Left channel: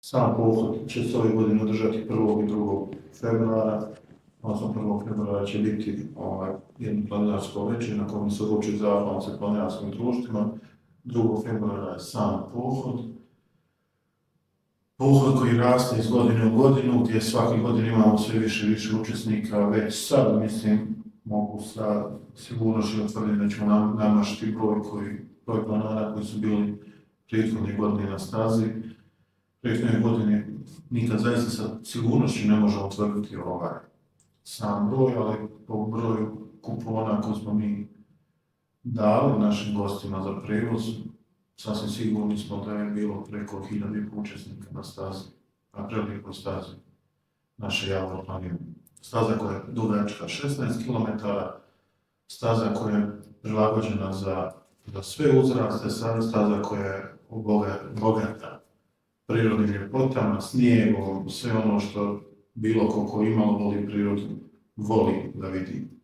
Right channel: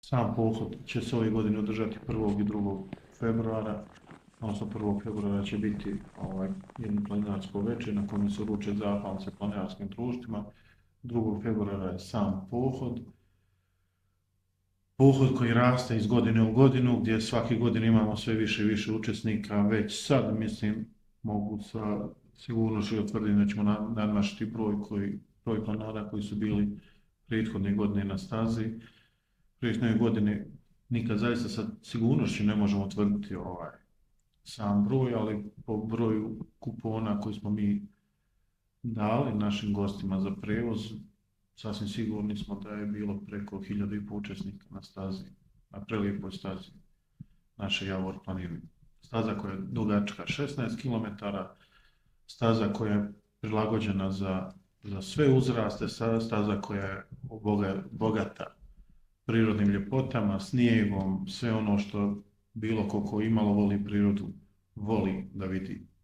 Sam pohod će se ove godine održati 1. i 2. februara, odnosno 1. februara će biti jedno planinarsko večer na kojem se uruči zahvalnice planinarskim društvima, 2. februara je sam pohod. Pohod koji raste iz godine u godinu, gdje svake godine imamo sve više i više učesnika, već sad, mislim, mogu sa sigurnošću utvrditi da ćemo namašiti broj planina koji su bili prethodne godine na stazi. Prethodne godine nikad zaista sa sigurnošću ne možemo utvrditi sam broj, ali po broju kupona koje smo mi dali našim gostima za prevoz, sasvim sigurni smo da je bilo preko 1000 učesnika na stazi, na prelijepoj stazi naše Javor planine. Staza koja je dugačka 16 km, staza koja je prilagođena za sve uzraste, staza koja je bogata prirodnim ljepotama, snijegom, sve ono što bilo ko imalo voli prirodu, voli da vidi.